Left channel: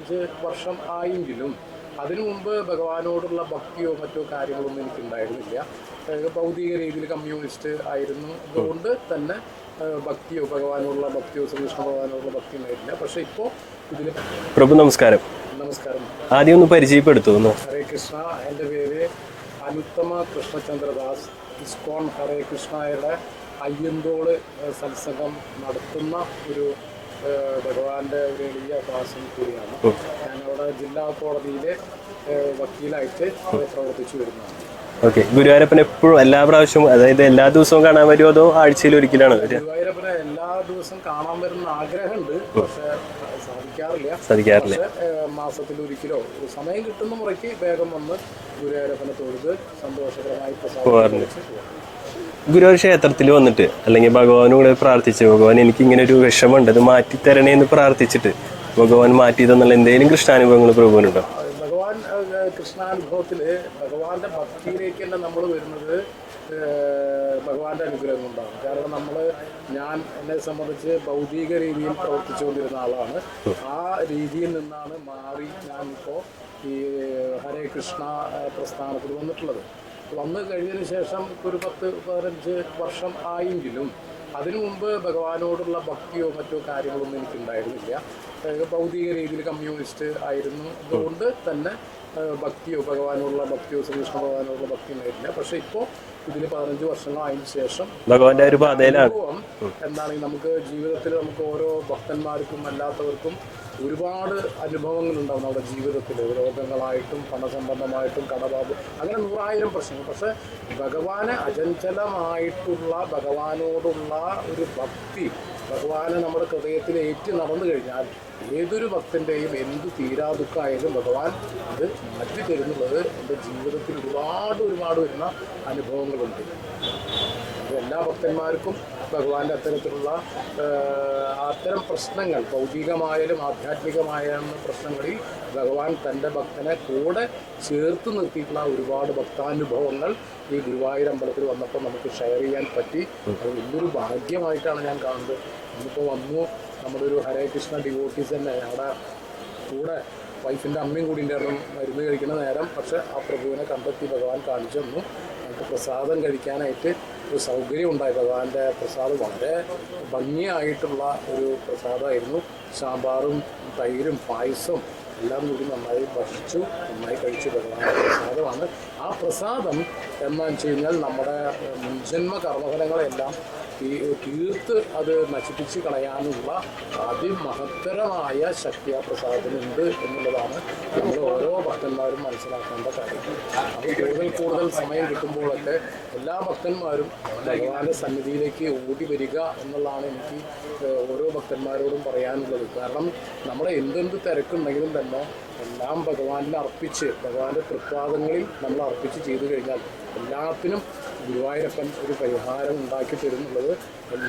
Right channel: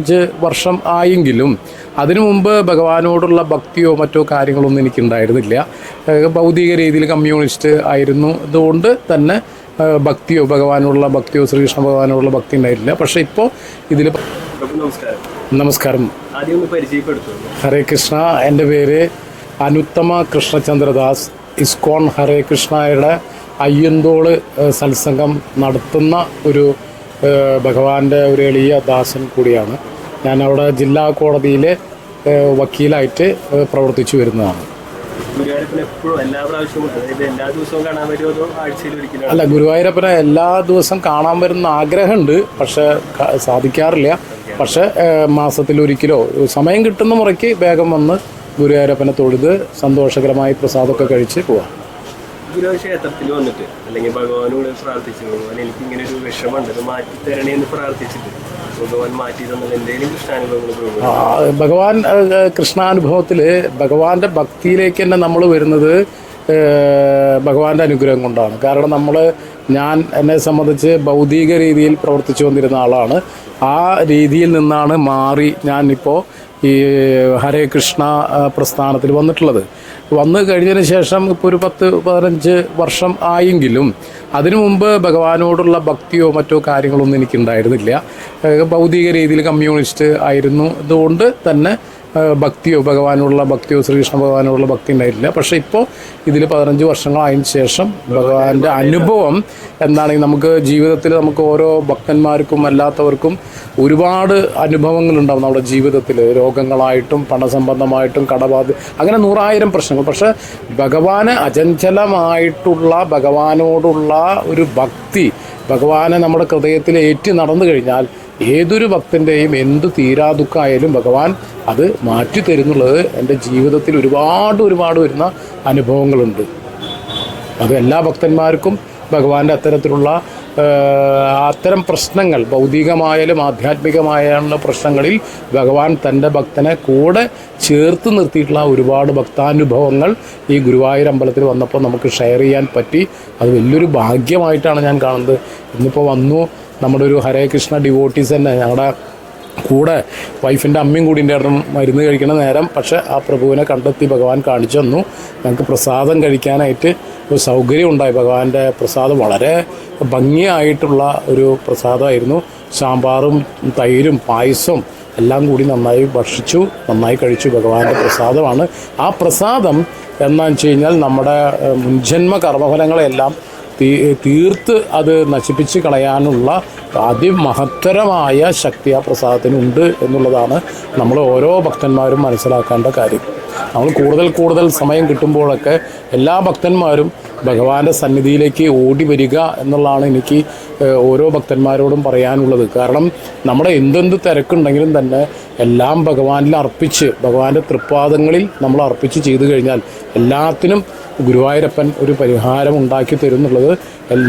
അഞ്ച് വർഷം ആയെങ്കിലും അതിനു മുമ്പ് ഭഗവാനോടുള്ള ഭക്തിയോ മറ്റോ കാര്യങ്ങളൊന്നും എനിക്കുണ്ടായിരുന്നില്ല. ഭൗതിക രീതിയിൽ കമ്മ്യൂണിസ്റ്റ് ആയിരുന്നു. അതുകൊണ്ട് തന്നെ ഭക്തിയോ ഭഗവാനോടുള്ള ഭക്തിയോ ശ്രീകൃഷ്ണ ഭഗവാനോടുള്ള ഭക്തി ഉണ്ടായിരുന്നില്ല പക്ഷെ ഇപ്പോൾ ഇതിൽ പ്രഭു നമസ്കാരം. നമസ്കാരം. ആദ്യം ഒന്ന് പരിചയപ്പെടുത്തുന്നു. ഹരേ കൃഷ്ണ. എന്റെ പേര് അനുത്തമ കൃഷ്ണചന്ദ്രദാസ്. ഇസ്കോൺ ഹരേ കൃഷ്ണയുടെ അയ്യന്തോൾ സത്സംഗം നടത്തുന്ന ഒരു ഭഗവാന്റെ ഒരു എളിയ ദാസൻ കൂടിയാണ്. ഞാൻ അവിടെ ജില്ലാ കോടതിയിലെ വക്കീലായിട്ട് പ്രവർത്തിച്ചു വരുന്നതാണ്. ഓക്കെ. ഗുരുവായൂരപ്പൻ എപ്പോഴും എല്ലാ പ്രാവശ്യവും അതായത് എല്ലാ ദിവസവും കാണാൻ വരുമോ അതോ ആഴ്ചയിൽ ഒരിക്കലാണ് അല്ല ഗുരുവായൂരപ്പനെ എല്ലാ ദിവസം കാണാൻ വരുന്ന ആഗ്രഹമുണ്ട്. പക്ഷെ സാധിക്കാറില്ല. പക്ഷെ മാസത്തിൽ ഒരിക്കലോ സമയം കിട്ടുന്ന മുറയ്ക്ക് വേഗം വന്ന് ഗുരുവായൂരപ്പനെ തൊഴുത് സന്തോഷകരമായി പ്രസാദമൊക്കെ കഴിച്ച് പോവാം ഗുരുവായൂർ ക്ഷേത്രത്തിൽ വന്നിട്ട് അല്ലെങ്കിൽ ഭഗവാനോട് പ്രാർത്ഥിച്ച് ഭഗവാൻ എനിക്ക് ഇങ്ങനെ ഒരു വിഷമുണ്ട് ഇത് മാറ്റി തരണേ എന്ന് പ്രാർത്ഥിച്ചിട്ട് ഭഗവാൻ മാറ്റി തന്നുള്ള എന്തെങ്കിലും കൃഷ്ണാനുഭവങ്ങൾ പ്രഭുവിന് ആ, ഭഗവാൻ കൃഷ്ണാനുഭവത്തിൽ ഭഗവാന്റെ ഭക്തിയിലേക്ക് തന്നെ നമ്മൾ വരുന്നത് ഭഗവാന്റെ അനുഗ്രഹം കൊണ്ടാണ്. കാരണം നമ്മൾ ഞാൻ എന്നെ സംബന്ധിച്ച് ഭൗതിക രീതിയിൽ പ്രവർത്തിച്ചു വന്നിരുന്ന ആളാണ്. ആ രീതിയിൽ നിന്നാണ് മാറി ഞാൻ ഇപ്പോൾ ഈ ഹരേ കൃഷ്ണ പ്രസ്ഥാനത്തിൽ വന്നിട്ടുള്ളത്. വന്നു കഴിഞ്ഞതിന് ശേഷം ഇപ്പോൾ ഒരു പത്ത് പതിനഞ്ച് വർഷം ആയെങ്കിലും അതിനു മുമ്പ് ഭഗവാനോടുള്ള ഭക്തിയോ മറ്റോ കാര്യങ്ങളൊന്നും എനിക്കുണ്ടായിരുന്നില്ല. ഭൗതിക രീതിയിൽ കമ്മ്യൂണിസ്റ്റ് ആയിരുന്നു. അതുകൊണ്ട് തന്നെ ഭക്തിയോ ഭഗവാനോടുള്ള ഭക്തിയോ ശ്രീകൃഷ്ണ ഭഗവാനോടുള്ള ഭക്തി ഉണ്ടായിട്ടില്ല. പക്ഷെ ഇപ്പോൾ ഇതിൽ പതിനഞ്ച് വർഷങ്ങളായതിനു ശേഷം ഭഗവാന്റെ അനുഭവം എന്താണെങ്കിൽ നമുക്ക് ജീവിതത്തിൽ നമുക്ക് ഓരോ ഭക്തന്മാർക്കും അല്ലാത്തവർക്കും ഒരുപാട് അനുഭവങ്ങൾ ഉണ്ടാവും നമ്മുടെ ജീവിതത്തിൽ രോഗങ്ങളായിട്ടും പണസംബന്ധമായിട്ടും കടബാധ അങ്ങനെ നൂറായിരം പ്രശ്നങ്ങൾ. പക്ഷെ ഭഗവാന് അചഞ്ചലമായിട്ടുള്ള ഭഗവാനോടുള്ള ഒരു ഭക്തി ഭഗവാനെ നമ്മുടെ ഹൃദയത്തിൽ ഏറ്റി നടന്നു കഴിഞ്ഞാൽ ഏതൊരു ഭക്തന്റെയും എന്ത് തീരാ ദുഃഖമായാലും ഭഗവാൻ അത് മാറ്റി തരുന്നുള്ളത് എന്റെ ജീവിതത്തിൽ ഒരുപാട് ഒരുപാട് വരുന്ന അനുഭവങ്ങളുണ്ട്. അത് എല്ലാ ഭക്തന്മാർക്കും ഭഗവാന്റെ അത്തരത്തിലുള്ള അത്തരം പ്രശ്നങ്ങൾ ഭൗതികമായാലും ആധ്യാത്മികമായാലും പ്രശ്നങ്ങളിൽ ഭഗവാൻ തന്റെ ഭക്തനെ കൂടെ ചേർത്ത് നിർത്തിയിട്ടുള്ള ഒരുപാട് ഭക്താനുഭവങ്ങൾ ഈ ഗുരുവായൂർ അമ്പലത്തിൽ വന്നപ്പോൾ നമുക്ക് ഷെയർ ചെയ്യാൻ പറ്റി. അത് വലിയൊരു ഭാഗ്യമായിട്ടാണ് ഞാൻ കാണുന്നത്. ഇന്നിപ്പോൾ വന്നു. നമ്മുടെ ഒരു ഹരേ കൃഷ്ണ ഡിവോട്ടീസ് തന്നെ ഞങ്ങളുടെ കൂടെ വൈഫിന്റെ അമ്മയും കൂടി ഉണ്ടായിരുന്നു മരുന്ന് കഴിക്കണ നേരം. പക്ഷേ ആ പ്രഭുവിനെ കണ്ടെത്തി ഭഗവാൻ കാണിച്ചു തന്നു. ഞങ്ങൾക്ക് പ്രസാദം കഴിക്കാനായിട്ട് ഒരു സൗകര്യം ഉണ്ടായി. ഭഗവാന്റെ പ്രസാദം വളരെ ഭംഗിയായിട്ടുള്ള ഒരു പ്രസാദമായിരുന്നു. സാമ്പാറും തൈരും പായസവും എല്ലാം കൂടി നന്നായി ഭക്ഷിച്ചു നന്നായി കഴിച്ചു. ഭഗവാന്റെ പ്രസാദമാണ്. ആ പ്രസാദം എന്താണെന്ന് വെച്ച് കഴിഞ്ഞാൽ നമ്മുടെ മുൻജന്മ കർമ്മഫലങ്ങളെല്ലാം തീർത്ത് അത് നശിപ്പിച്ച് കളയാനുള്ള അതിമഹത്തരമായ ശക്തി ആ പ്രസാദത്തിനുണ്ട് എന്നുള്ളതാണ് നമ്മൾ ഓരോ ഭക്തന്മാരും മനസ്സിലാക്കേണ്ട കാര്യം. നമ്മൾ കൂടുതൽ കൂടുതൽ സമയം കിട്ടുമ്പോഴൊക്കെ എല്ലാ ഭക്തന്മാരും ഭഗവാന്റെ സന്നിധിയിലേക്ക് ഓടി വരിക എന്നുള്ളതാണ് എനിക്ക് ഓരോ ഭക്തന്മാരോടും പറയാനുള്ളത്. കാരണം നമ്മുടെ എന്തെന്ത് തിരക്കുണ്ടെങ്കിലും തന്നെ എല്ലാം ഭഗവാനിൽ അർപ്പിച്ച് ഭഗവാന്റെ തൃപ്പാദങ്ങളിൽ നമ്മൾ അർപ്പിച്ച് ചെയ്തു കഴിഞ്ഞാൽ എല്ലാത്തിനും ഗുരുവായൂരപ്പൻ ഒരു പരിഹാരം ഉണ്ടാക്കി തരുന്നുള്ളത്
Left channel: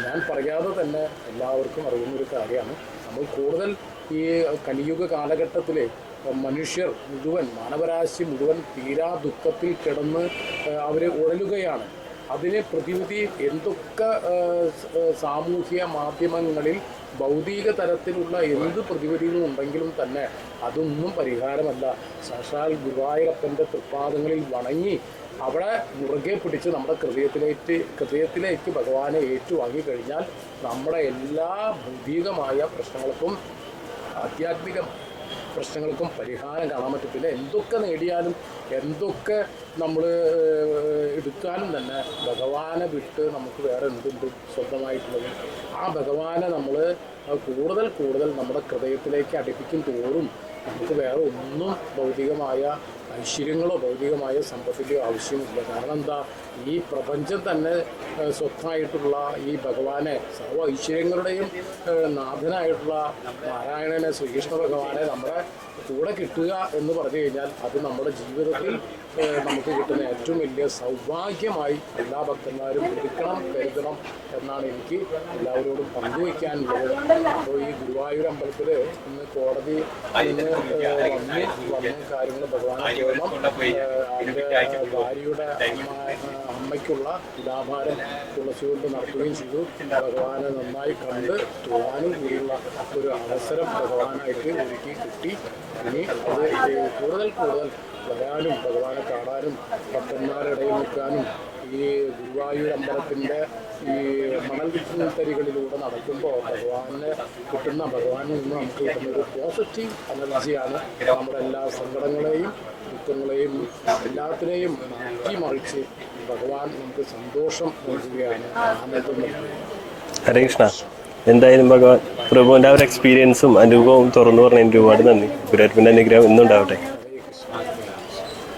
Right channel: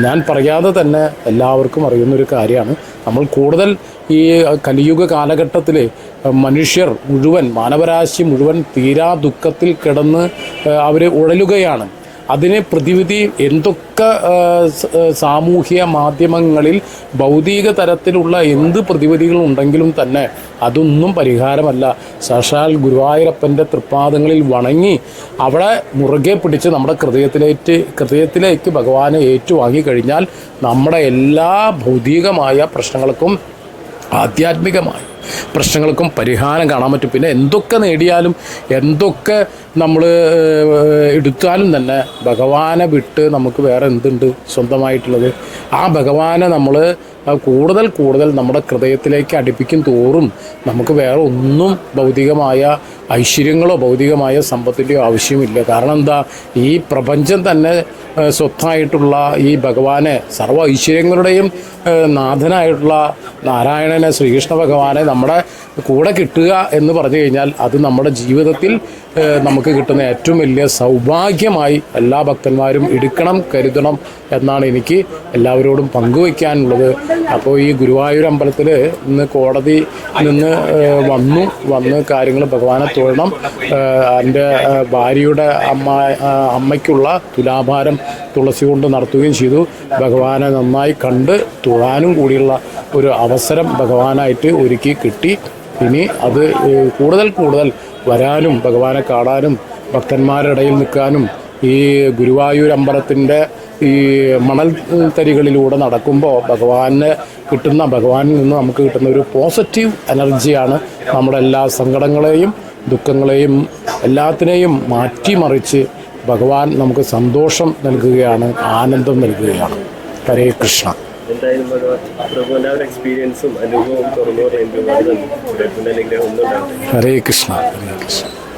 ഞാൻ പറയാതെ തന്നെ എല്ലാവർക്കും അറിയുന്നൊരു കാര്യമാണ്. നമ്മൾ കൂടുതൽ ഈ കലിയുഗ കാലഘട്ടത്തിൽ മനുഷ്യർ മുഴുവൻ മാനവരാശി മുഴുവൻ തീരാ ദുഃഖത്തിൽ കിടന്ന് അവർ ഉഴലുകയാണ്. അതിന് പ്രതിവിധി എന്തൊക്കെ സാമൂഹ്യ മാധ്യമങ്ങളിൽ ഭൗതിക തരത്തിലുള്ള എന്ത് പ്രതിവിധികൾ ഉണ്ടെങ്കിലും തന്നെ അതൊന്നും പരിഹാരമല്ല. സാക്ഷാൽ ഗുരുവായൂരപ്പന്റെ തൃപ്പാദങ്ങളിൽ വണങ്ങി അവിടെ മുറുകെ പിടിച്ച് നമ്മുടെ ഹൃദയത്തിലേറ്റ് ഹൃദയത്തിലേക്ക് ഭഗവാനെ ഏറ്റുവാങ്ങി കഴിഞ്ഞാൽ നമ്മുടെ എല്ലാ ഭൗതികമായ പ്രശ്നങ്ങൾക്കും ആധ്യാത്മികമായ പ്രശ്നങ്ങൾക്കും പരിഹാരം കാണാൻ പറ്റും. പിന്നെ എന്തൊക്കെ നേടിയാലും എന്തൊക്കെ നമ്മൾ എടുത്താലും തന്നെ ഭഗവാനെ വിട്ട് നമുക്ക് വേറെ എന്തുണ്ട് സ്വന്തമായിട്ടുള്ളത്? ആ ഭഗവാനെ നമ്മൾ കൂടുതൽ കൂടുതൽ നമ്മുടെ ഹൃദയത്തിലേക്ക് അടുപ്പിക്കും തോറും നമുക്ക് വേറെ ഒന്നും ഭൗതികമായ ഐശ്വര്യങ്ങളോ ഭൗതികമായ സമ്പത്തിന്റെയോ ആവശ്യമില്ല. കാരണം എന്താ? ഈ പ്രപഞ്ചം തന്നെ സ്വത്തായിട്ടുള്ള ഈ ഭഗവാനെ സർവ ഐശ്വര്യങ്ങളുടെയും നാഥനായിട്ടുള്ള നാരായണനെ ശ്രീകൃഷ്ണ ഭഗവാനെ നമ്മുടെ കൂടെ കിട്ടുക എന്ന് പറഞ്ഞു കഴിഞ്ഞാൽ അത് നമ്മുടെ ജീവിതത്തിൽ നമുക്ക് കിട്ടുന്ന ഏറ്റവും വലിയ സൗഭാഗ്യമായി എല്ലാ ഭക്തന്മാരും എടുക്കണം കരുതണം എന്നാണ് എനിക്ക് എല്ലാവരോടും പങ്കുവയ്ക്കാനുള്ളത്. അപ്പോൾ ഈ ഗുരുവായൂർ അമ്പലത്തിൽ ഇന്ന് കോടതി നിന്ന് വന്നു വന്ന് കാര്യങ്ങൾ ഭഗവാനെ ഏഹ്, എന്റെ ഭാര്യയുടെ അമ്മ അമ്മയ്ക്കുള്ള തുലാഭാരം തുളസി കൊണ്ട് നടത്തുകയും ചെയ്തു. ഭഗവാനെ നന്നായി കണ്ട് തൊഴാനും കൂടിയുള്ള ഒരു അവസരം ഭഗവാനായിട്ട് ഒരുക്കി കിട്ടി. ഇനി അത് കൂടുതൽ കൂടുതൽ വരാനും ഭഗവാനെ കാണാനും ഭക്തന്മാരുടെ ഇടയിൽ നിൽക്കാനും ഈ ഗുരുവായൂർ അമ്പലത്തിന്റെ ഈ മണൽ തരികളിലൂടെ നടക്കുമ്പോൾ ഭഗവാന് കിട്ടുന്ന ഭഗവാനിൽ നിന്ന് നമുക്ക് കിട്ടുന്ന ഒരു പോസിറ്റീവ് എനർജിയാണ് നമ്മുടെ എല്ലാ സങ്കടങ്ങളെയും ദുഃഖങ്ങളെയും എല്ലാത്തിനെയും മാറ്റിമറിച്ച് ഭഗവാൻ നമുക്ക് സന്തോഷം നൽകുകയാണ് ആനന്ദം നൽകുകയാണ്. ഹരേ കൃഷ്ണ. എന്തായാലും ഭഗവാൻ പ്രഭുവിന്റെ ആ ഒരു എക്സ്പീരിയൻസും അനുഭവവും തുറന്നു പറഞ്ഞതിന് ഒരുപാട് നന്ദി. ഗുരുവായൂരപ്പന്റെ അനുഗ്രഹം ഒന്നും ഉണ്ടാവട്ടെ ഹരേ കൃഷ്ണ. ഹരേ കൃഷ്ണ.